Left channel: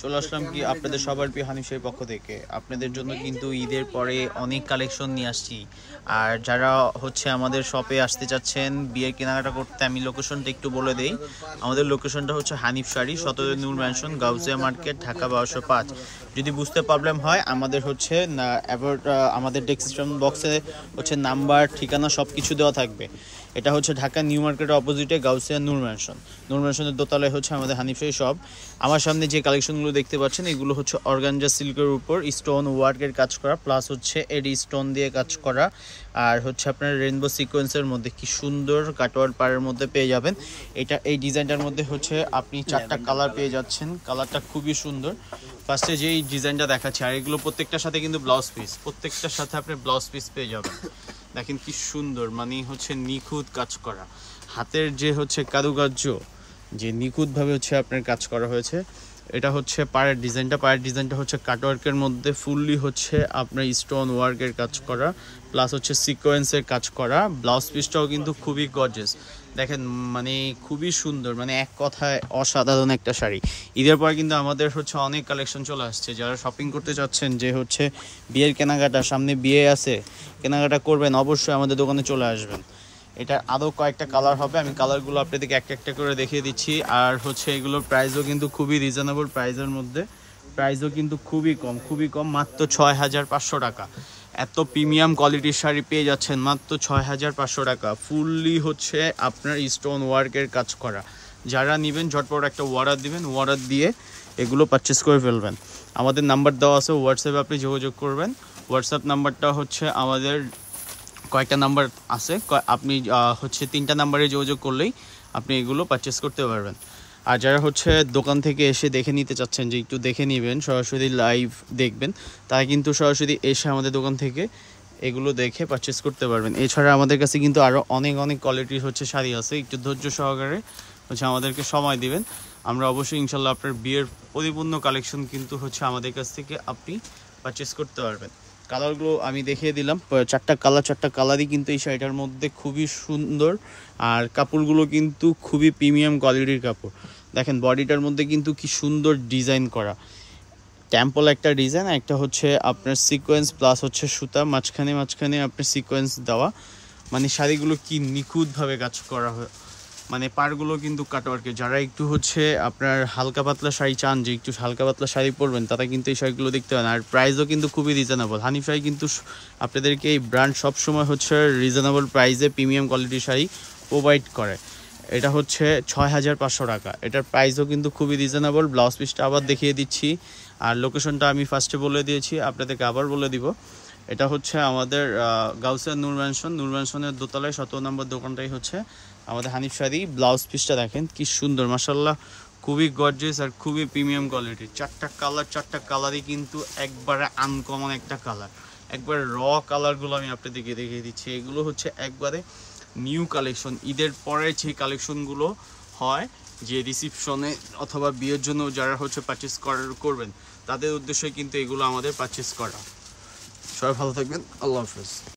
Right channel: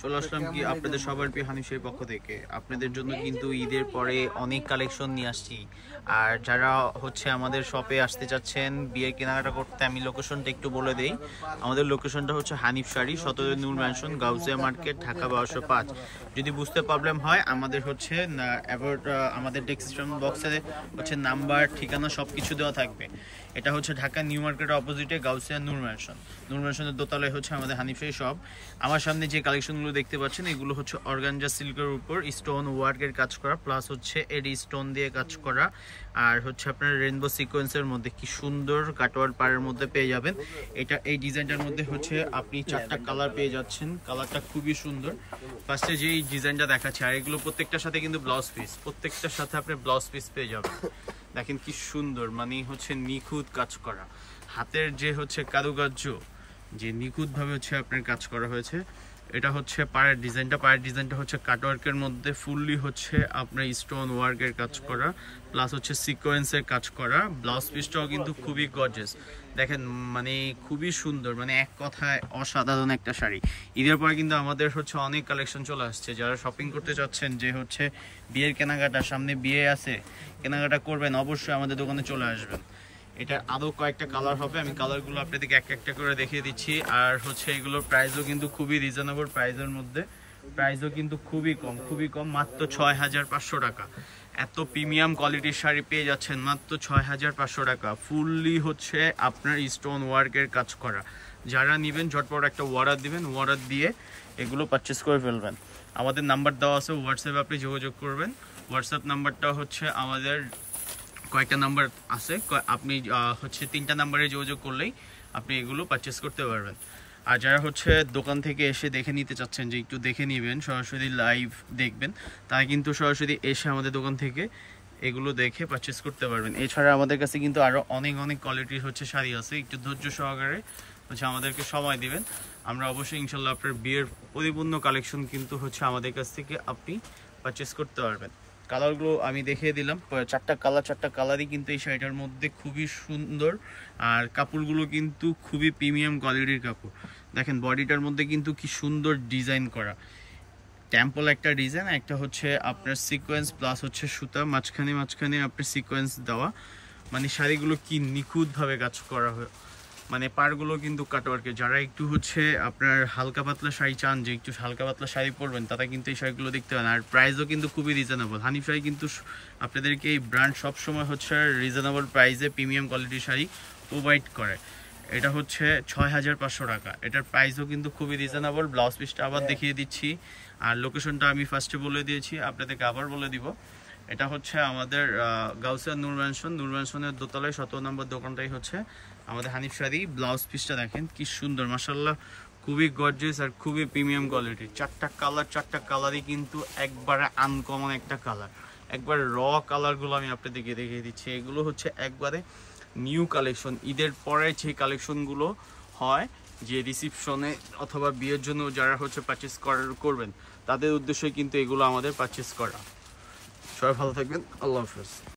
চলে আসলাম কি আপনাদের সবার প্রিয় হানিফ শাহীর পক্ষ থেকে। আপনাদের জন্য কিন্তু ঈদের পরে অনেক কালেকশন নিয়ে আসছি। আর যারা হচ্ছে আমাদের শপে আসতে চাচ্ছেন বিয়ের কেনাকাটা করতে, আমি লোকেশনটা একটু বলে দেই। আমাদের লোকেশনটা হচ্ছে হানিফ শাড়ি, 17 নূর ম্যানশন, গাউসিয়া মার্কেট, ঢাকা 1205। যদি বুঝতে প্রবলেম হয় আমাদের হচ্ছে আমাদের ডেসক্রিপশন বক্সে হচ্ছে নাম্বার, ঠিকানা সব কিছু দেওয়া থাকবে। এটা হচ্ছে ঢাকা নিউ মার্কেটের অপোজিটে গাউসিয়া নূর ম্যানশন। নূর ম্যানশনের দোতলায় হচ্ছে আমাদের হানিফ শাহী শপ। আমার সামনে যে কালেকশনগুলো দেখতে পাচ্ছেন এগুলো হচ্ছে অর্গানজা সিল্কের উপর স্টোন ওয়ার্কের কাজ করা, প্লাস হচ্ছে এডি স্টোন দিয়ে কাজ করা, আর হচ্ছে আপনার রেইনবো সিকোয়েন্সের মধ্যে কি সুন্দর কাটওয়ার্ড পাড়ের মধ্যে পেয়ে যাবেন। এই ডিজাইনটার মধ্যে হচ্ছে আপনি 4টা কালার পেয়ে যাচ্ছেন। কালারটা খুবই সুন্দর। ফার্স্টে যেই ডিজাইনটা দেখাচ্ছি, আর এগুলো প্রত্যেকটার সাথে কিন্তু ব্লাউজ পিস, প্রত্যেকটার সাথে আপনি ব্লাউজ পিস পেয়ে যাবেন। দেখেন কি সুন্দর, মানে হচ্ছে নিখুঁত কাজ করা, হাতের যে হচ্ছে কারুকার্য, যে নিখুঁতভাবে হচ্ছে আপনার কাজ করা হয়েছে। এটা হচ্ছে পায়ের ডিজাইনটা হচ্ছে কাটওয়ার্কের মধ্যে ফুললি হচ্ছে আপনার স্টোন ওয়ার্কের কাজ করা, প্লাস হচ্ছে সিকোয়েন্সের কাজ করা। ব্লাউজ পিসটাও কিন্তু খুবই গর্জিয়াস, দেখেন মানে খুবই সুন্দর, মানে এক কথায় অসাধারণ একটা শাড়ি। ঈদের পর কিন্তু আমাদের হচ্ছে অনেক কালেকশন চলে আসছে। যারা শপিং করতে চাচ্ছেন, যে হচ্ছে বিয়ের কেনাকাটা, সামনে বিয়ে আছে, কেনাকাটা করবেন, অবশ্যই আমাদের দোকানে চলে আসবেন। এটা আরও কয়েকটা কালার হবে, আমি কালারগুলো আপনাদেরকে একটা একটা করে দেখিয়ে দিচ্ছি। আর হচ্ছে এগুলোর প্রাইসও কিন্তু খুবই রিজনেবল প্রাইসের মধ্যে, প্রাইসও কিন্তু খুবই কম, মাত্র 6500 টাকা। এত প্রিমিয়াম কোয়ালিটির শাড়ি পেয়ে যাচ্ছেন মাত্র 6500 টাকা। ফুললি হচ্ছে আপনার স্টোন ওয়ার্কের কাজ করা। যারা নেবেন ঝটপট একটা অর্ডার দিবেন, অর্ডার দিয়ে এগুলো পারচেস করে ফেলবেন। আমাদের নাম্বার দেওয়া আছে, হোয়াটসঅ্যাপে আপনি যোগাযোগ করবেন। হোয়াটসঅ্যাপ নাম্বারটা হচ্ছে আমাদের কয়েকটা নাম্বার আছে, আপনি হচ্ছে 3টা নাম্বারে যোগাযোগ করলেই আপনি এগুলো পারচেস করতে পারবেন। আর যারা হচ্ছে দোকান থেকে এসে দেখে নিতে চাচ্ছেন, যে একটু দেখে নেবেন, সরাসরি লাইভ দেখবেন, তারা কিন্তু সরাসরি এসে আমাদের দোকান থেকে এগুলো দেখে পারচেস করতে পারবেন। এছাড়া আমাদের কাছে কিন্তু আরও অনেক কোয়ালিটির হচ্ছে শাড়ি আছে। একটু ধৈর্য সহকারে হচ্ছে আমাদেরকে সময় দিবেন, আমরা অবশ্যই ইনশাল্লাহ আপনার বিয়ের পরিপূর্ণ কালেকশন কিন্তু হচ্ছে আমাদের কাছ থেকে আপনি পারচেস করতে পারবেন। কালারগুলো আমি দেখিয়ে দিলাম, 4টা কালারই কিন্তু এই শাড়িটার মধ্যে খুবই সুন্দর। আর কাপড়গুলো কিন্তু খুবই প্রিমিয়াম কোয়ালিটির কাপড়। দেখেন বডিটার মধ্যে কিন্তু কি সুন্দর ডিজাইন করা, টেম্পল একটা ডিজাইন, একটা হচ্ছে আপনার সিকোয়েন্স প্লাস হচ্ছে সুতা, মাঝখানে আপনার সিকোয়েন্স দেওয়া। মানে শাড়িগুলো কি নিখুঁতভাবে কাজ করা হয়, মানে পাড়গুলো কিন্তু কাটওয়ার্কে। যারা একটু হচ্ছে আপনার হালকা পাতলা শাড়ি চান, যে একটু হালকা পাতলা শাড়ি পরবেন, তারা কিন্তু এই শাড়িগুলো দেখতে পারেন। আর প্রাইসও কিন্তু খুবই রিজনেবল। হানিফ শাড়ি কিন্তু আপনাদেরকে এই ব্র্যান্ড সবসময় হচ্ছে রিজনেবল প্রাইসে প্রিমিয়াম কোয়ালিটির শাড়ি প্রোভাইড করে। এটা হচ্ছে 6500 টাকা। এটার প্রাইসও কিন্তু খুবই রিজনেবল। ব্লাউজ পিসটা আবার দেখিয়ে দিচ্ছি, আর লোকেশনটা আমি ফার্স্টে বলে দিয়েছি, আপনাদেরকে আবার বলে দিব। এটা হচ্ছে আমাদের গাউসিয়া নূর ম্যানশনের দোতলায় 17 নম্বর দোকানটাই হচ্ছে আমাদের হানিফ শাড়ি। ব্লাউজ পিসটা দেখেন কি সুন্দর, মাশাআল্লাহ, খুবই গর্জিয়াস আর খুবই প্রিমিয়াম কোয়ালিটি। 4টা কালারই কিন্তু একবারে আনকমন একটা কালার, একবারে র কালারগুলো আমি আপনাদেরকে দেখিয়ে দিচ্ছি। এগুলো হচ্ছে একবারে নিউ কালেকশন, ঈদের পরে যে কালেকশনগুলো হয়, যে রিসিপশনে অথবা বিয়ের জন্য যারা হচ্ছে পারচেস করবেন, তাদের উদ্দেশ্যে কিন্তু এগুলো আমাদের পারচেস করা। সবাই ভালো থাকবেন, আল্লাহ হাফেজ।